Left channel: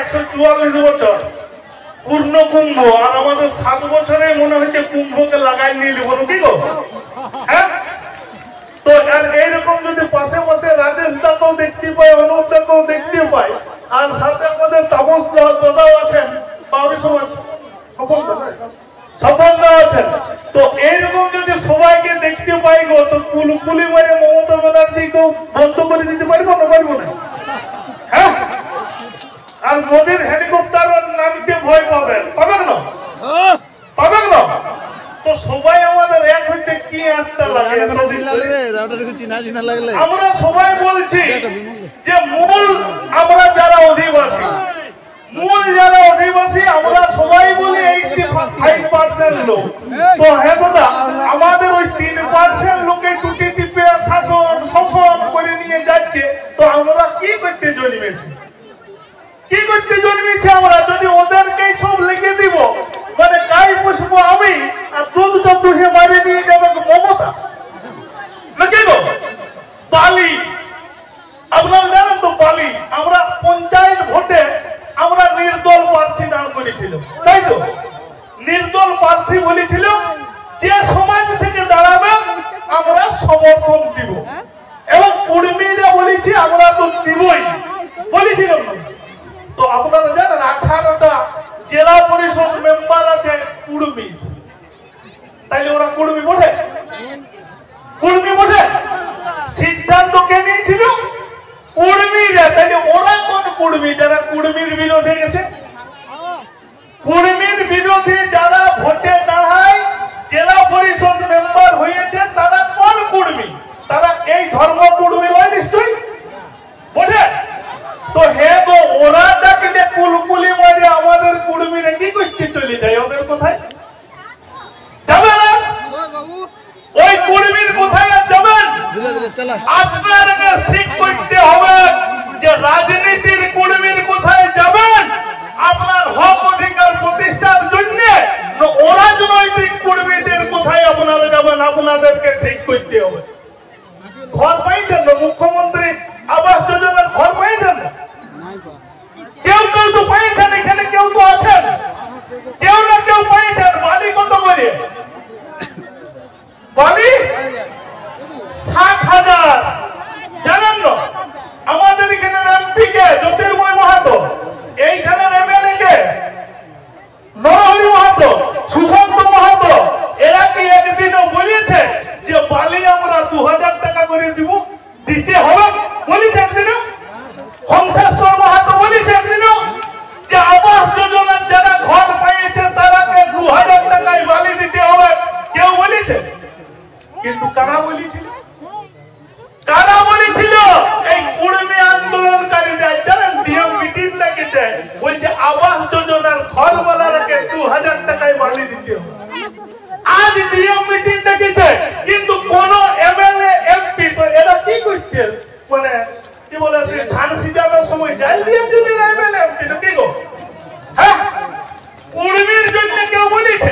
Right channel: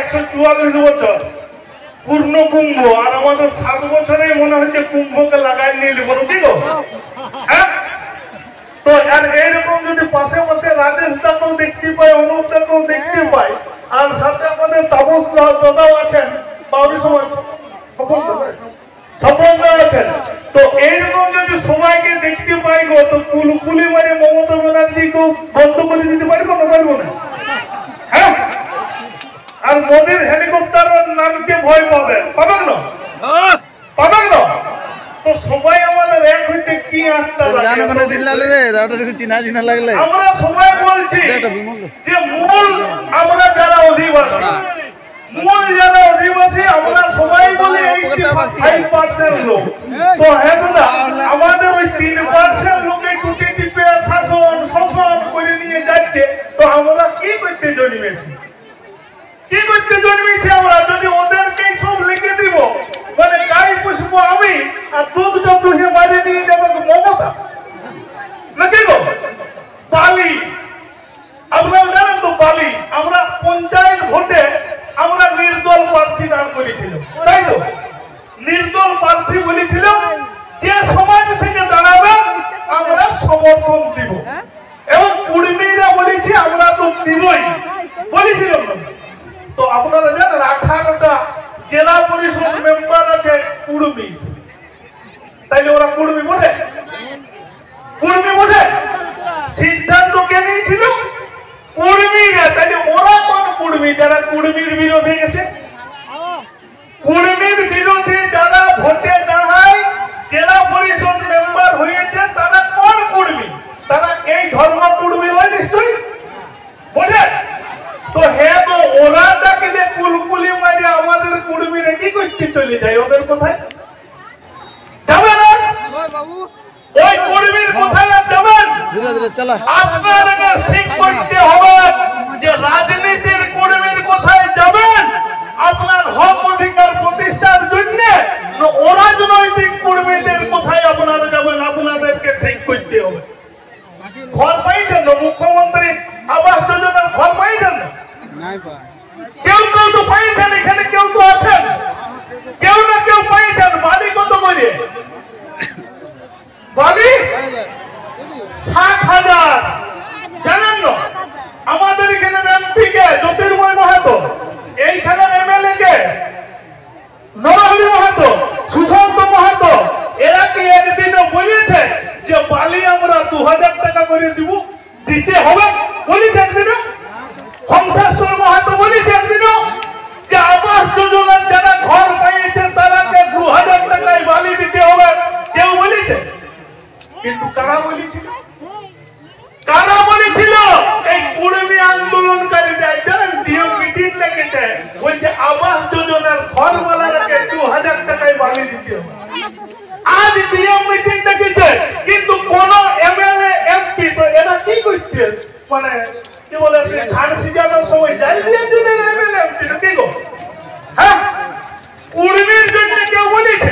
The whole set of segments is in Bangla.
144 বছর পূর্ণ কুম্ভ, আর আমাদের 7 বছরে মনে হচ্ছে কুম্ভকে লাগাই নিয়ে নিব, ঠিক হ্যাঁ। তো আর এইরকম যদি পাশে পাশে রাজেশ দাকেও দেখতে পাই, অনুপ দাকেও দেখতে পাই, আর সাথে আমাদের তাপস দাদাও আছেন, বাউরি সমাজ সফলদা আছেন, তো এইরকম যদি সবাইকে দেখতে পাই গো, তো কুলকুলি মানে মমতা ব্যানার্জিকেও বন্ধ করে দিতে পারবো না, পারবো না? হ্যাঁ, আর মোদীর হেলিকপ্টার নামতে ভয় পাবেন, পাবেন না? পাবেন না? তো সবাই আমাদের এক হইতে কি আসতে লাগে, আমরা সবাই বলছি যে মূল আমরা যারা অধিবাসী, মূল যারা অধিবাসী আমরা সবাই বলি 85% লোক। তো হ্যাঁ দাদা, আমাদের ওই 3% লোকে টুটি টিপে শাসন শোষণ করে নিয়ে যাচ্ছে, তো আমরা কি করতে জন্মেছি? কি করতে জন্মেছি আমরা? যদি ওদেরকে সব লিখে দিব, মানে গাই পুষবো আমি আর দুধটা পুষে বাড়ি নিয়ে যাবো মমতা, নাকি গো? বালি আপনার জানেন তো, বালি আমরা পঞ্চায়েত ভোটে আমরা নির্দল প্রার্থী দাঁড় করেছিল, তাই তো? নির্দল প্রার্থী বলেছিল যে সমাজ থেকে দাঁড়াবে আমরা সমর্থন দিব, এবং কুর্মীরা বলেছি আমরা তো দিবই, বলেছিল। তো আপনারা জানেন 18টা জেলা পরিষদ মেম্বার আছে কুর্মী, তাইলে ওরা কুর্মী বটে? কুর্মী বটে? সিদ্ধান্ত কে নিয়েছিল? কুর্মীরা। তাইলে ওরা কোন কুর্মী? যারা কুর্মীর বিরোধে গেছে। কুর্মীর বিরোধে যারা ভোটে দাঁড়ায় জেলা পরিষদ মেম্বার হয়েছে, তারা কোন কুর্মী? তারা এই ধর্ম কুর্মী নয় নিশ্চয়ই, বুঝে? তো হে, তো ওরা ডাকি যে কুলকুলি মানে আমাদের কুর্মীরা কি করতে চলে যায়, ওদের কোথায় যাবে না? ওই কুর্মীর কোথায় যাবেন? আপনাদেরকে ঠিক করতে হবে যে রাজনীতির কুর্মীর কোথায় যাবেন আপনার হক অধিকার প্রতিষ্ঠার জন্য, অরাজনৈতিক কুর্মীদের কোথায় আপনারা যাবেন, আপনাদেরকে ঠিক করতে হবে। ঘর পাইছেন না? মুখ্যমন্ত্রী আবাস যোজনার ঘর পাইছেন না? কেউ কেউ তো পাইছেন, এখানে কেউ তো আছেন, কেউ না কেউ পাইছেন। বাড়ি কত করে? বাড়ি 60,000। জানেন না আমাদের এখানে এমপি কে জ্যোতির্ময় মাহাতো, এইখানে এমএলএ কে নরহরি মাহাতো, সুশান্ত মাহাতো, এরা কি একদিনও বলেছে যে বালি আমরা 2000 টাকা করে দিব, দিতে হবে? বলেছে একদিনও? হংসেশ্বর মাহাতো বলেছে একদিনও যে আবাস যোজনার যারা ঘর পাইয়েছে তারাকে 2000 টাকায় বালি দিতে হবে? কেউ বলেছে? কিন্তু কারা বলেছিল? কারা বলেছিল? এই কুর্মী আন্দোলনকারীরা। জানেন, ডিএম মিটিং ডেকেছে, বলছে আবাস যোজনার ঘর বানাকে 2000 টাকায় বালি দিতে হবে। আজ ডিএম মিটিং ডেকেছে, কিন্তু কোন এমএলএ এমপি, তো এরা কি করছে? মানে কি বলে, ধান সিজানোর সময় যাই দিয়েছে এমএলএ এমপি, কি গো? হ্যাঁ, কুর্মীর জন্য কেউ বলেছে?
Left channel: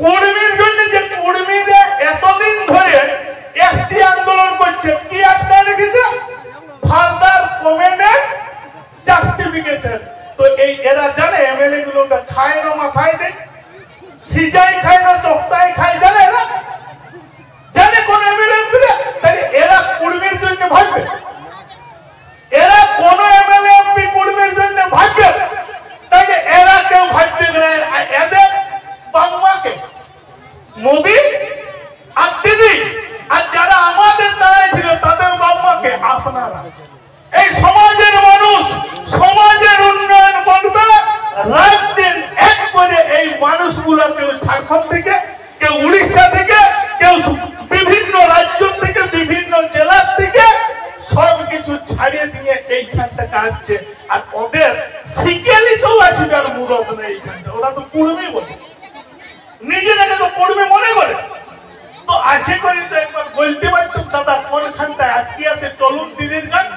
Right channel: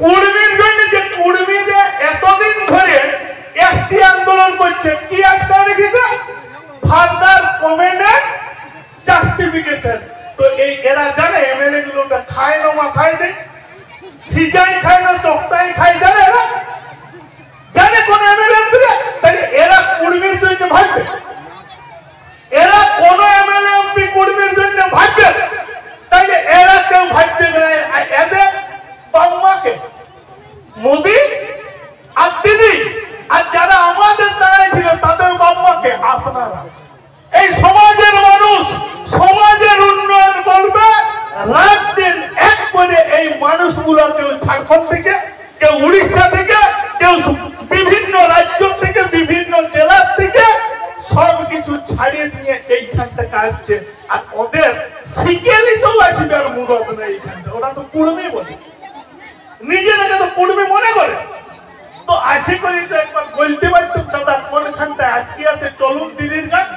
কুর্মীর জন্য যে কুর্মীরা এতদিন ধরে এসটি আন্দোলন করছে, কি একটা রেখেছে? Further comment justification. তো এই এরা জানে এমএলএ গুলোটা খায় না, মাথায় দেয়, সিজাই খায় না, চক্তায় খায়, জানে না? জানে কোন এমএলএ দিবে? তাহলে এরা কুর্মীর জন্য ভাববে? এরা কোন এমএলএ এমপি কুর্মীর জন্য ভাববে? তাইলে এরা কেউ ভাববে না। এদের বাংলাকে মোদী আর দিদি আর যারা আমাদের দাঁড়ায় ছিল তাদের বাংলাকে আপনারা। এই সমাজের মানুষ সমাজের উন্নয়ন করবে, রাত দিন এক করে এই মানুষগুলো কেউ ঝাড়খণ্ড থেকে, কেউ উড়িষ্যা থেকে, কেউ বিভিন্ন রাজ্য থেকে, বিভিন্ন জেলার থেকে সবকিছু ছাড়িয়ে দিয়ে এইখান থেকে আসছে। আর ওদের শিকেলিতেও আসবে আর মুরব নেই এইখান থেকে। ওরা তো কুর্মী বলে, নিজেদেরকে তো কুর্মী মনে করে। তো আশা করি তো একবার বলতে পারতাম দাদা কোনখানটায় আটকে আছে, চলুন দিদির কাজ।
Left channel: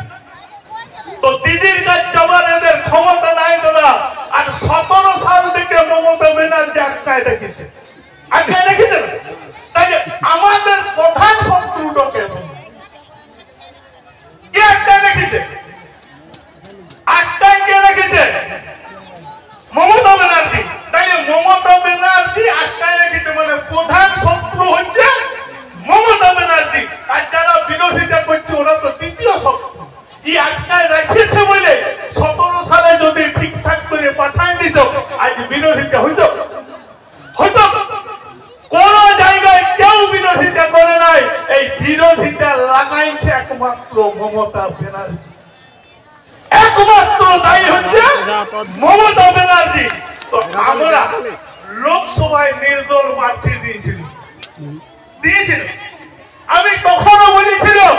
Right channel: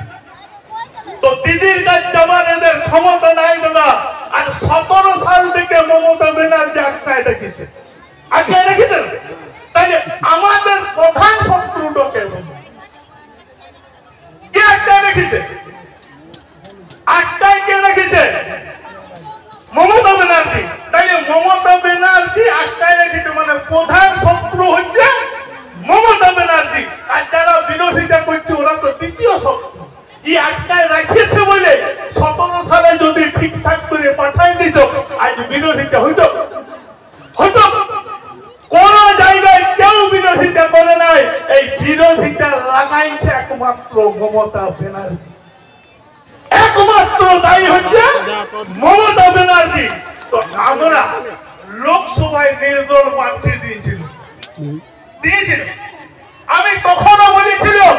তো দিদির কাজ যাবার এদের ক্ষমতা নাই দাদা। আর 17 সাল থেকে মমতা ব্যানার্জি আটকায় রেখেছে, আটকায় রেখেছেন। তাই আমাদের প্রধান শত্রুটাকে কে আটকায় রেখেছে? আটকায় কে বিরোধিতা করছে ওরা তো দ্বিতীয় শক্তি। এই আটকায় রাখিয়েছে বলে 17 সালে যদি ঠিকঠাক করে পাঠাই দিত আজ বিরোধিতা হইতো হতো। কোন জায়গায় কেউ বিরোধিতা করে নাই। এই বিরোধিতা লাগাইছে একমাত্র মমতা ব্যানার্জি। একমাত্র দায়ী হচ্ছে মমতা ব্যানার্জি। তো আমরা লোকসভায় নির্দল প্রার্থী দিয়েছিলেন। আমি কখনো বলেছিলাম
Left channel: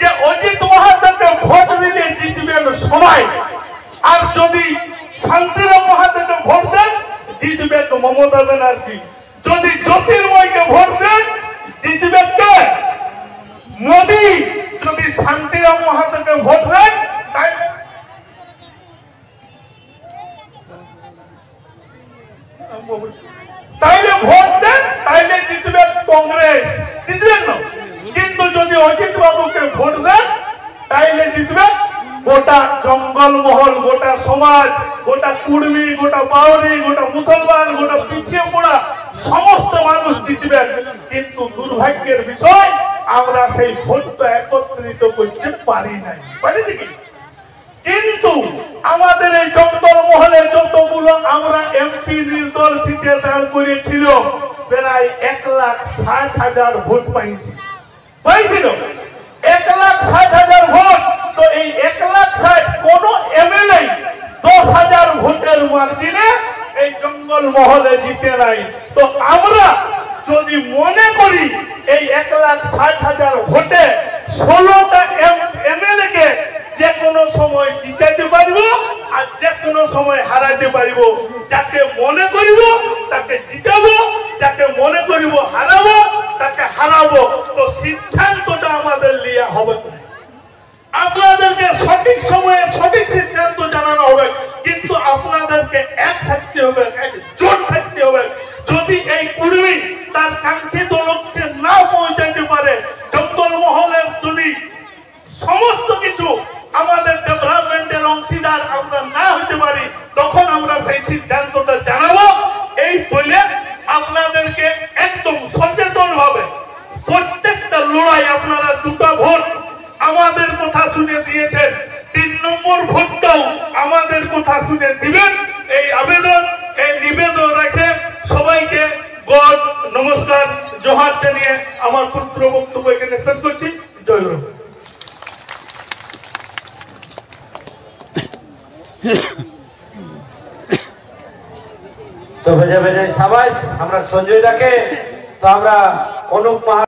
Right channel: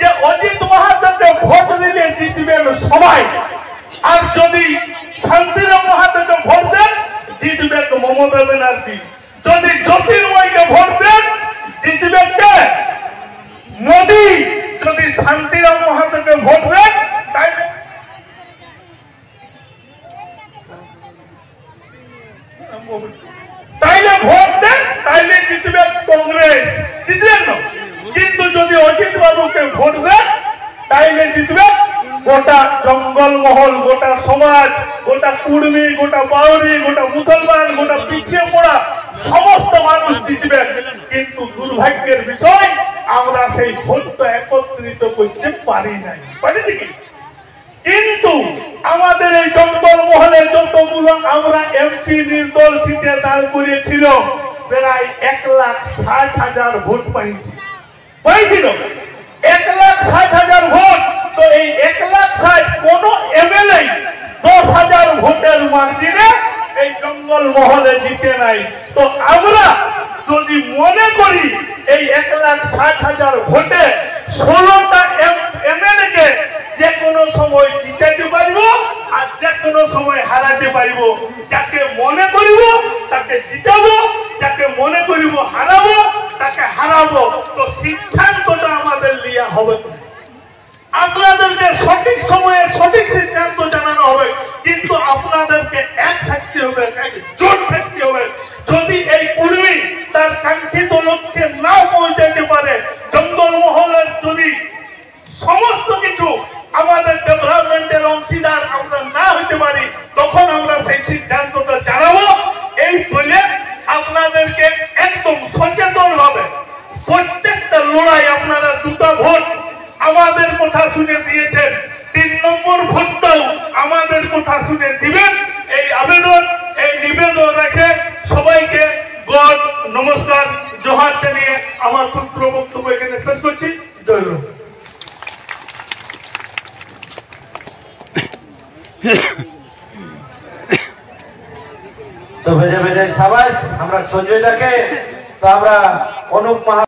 যে অজিত মাহাতোকে ভোট দিলে জিতবেন সবাই, আর যদি শান্তিরাম মাহাতোকে ভোট দেন জিতবে মমতা ব্যানার্জি, যদি জ্যোতির্ময়কে ভোট দেন জিতবে কে? মোদী। যদি শান্তিরাম মাহাতোকে ভোট দেন তাইলে ভোট দেন, তাইলে জিতবে কংগ্রেস, জিতবেন না। কিন্তু যদি অজিত বাবুকে ভোট দেন তাইলে জিতবে গোটা জঙ্গলমহল, গোটা সমাজ, গোটা কুর্মী, গোটা বাউরি, গোটা মুসলমান, গোটা পিছিয়ে পড়া সমস্ত মানুষ জিতবেন। কিন্তু দুর্ভাগ্যের বিষয় আমরা সেই ভোটটা একত্রিত করতে পারি নাই, পারিনি কি? কিন্তু আমাদের এই জঙ্গলমহলে যতগুলো আমরা এমপি নির্দল সিটে দাঁড় করিয়েছিল প্রায় 1,60,000 ভোট পাইছিল। 1,60,000 ভোট। তো এই 1,60,000 কোন এমএলএ 10,000 ভোটের মার্জিনে এই জঙ্গলমহলে জিতে নাই। তো আমরা যদি মনে করি এই 1,60,000 ভোটে 16টা এমএলএ কে যে কোনো সময় জিতাতে পারব আর যে কোনো সময় হারাতে পারব, যাকে মনে করব তাকে জিতাবো, যাকে মনে করব হারাবো তাকে হারাবো। তো সিদ্ধান্তটা আমাদের লিয়া হবে, আপনাদেরকে সঠিক সময়ে সঠিক সিদ্ধান্ত জানানো হবে। কিন্তু আপনাদেরকে এক থাকতে হবে, জোট থাকতে হবে। যদি এই কুর্মী তার কাঙ্ক্ষিত লক্ষ্যে না পৌঁছাতে পারে, জঙ্গলমহলের যদি সমস্ত কিছু আমাদের ডেভেলপমেন্টের অংশীদার আমরা না হতে পারি, তখন আমরা সেই সিদ্ধান্তটা জানাবো। এই বলে আপনাদেরকে একদম সচেতন ভাবে প্রত্যেকটা লড়াই আপনারা 2টা ভোট আমাদের কথা শুনে দিয়েছেন, 3 নম্বর ভোটটাও আমাদের কথা শুনে দিবেন। এই আবেদন, এই নিবেদন রেখে সবাইকে গড নমস্কার জোহার জানিয়ে আমার পুত্র বক্তব্য এখানে শেষ করছি। জয় হোক। তো বেজে বেজে সাবাস আমরা সঞ্জয় দাকে, তো আমরা অনুপ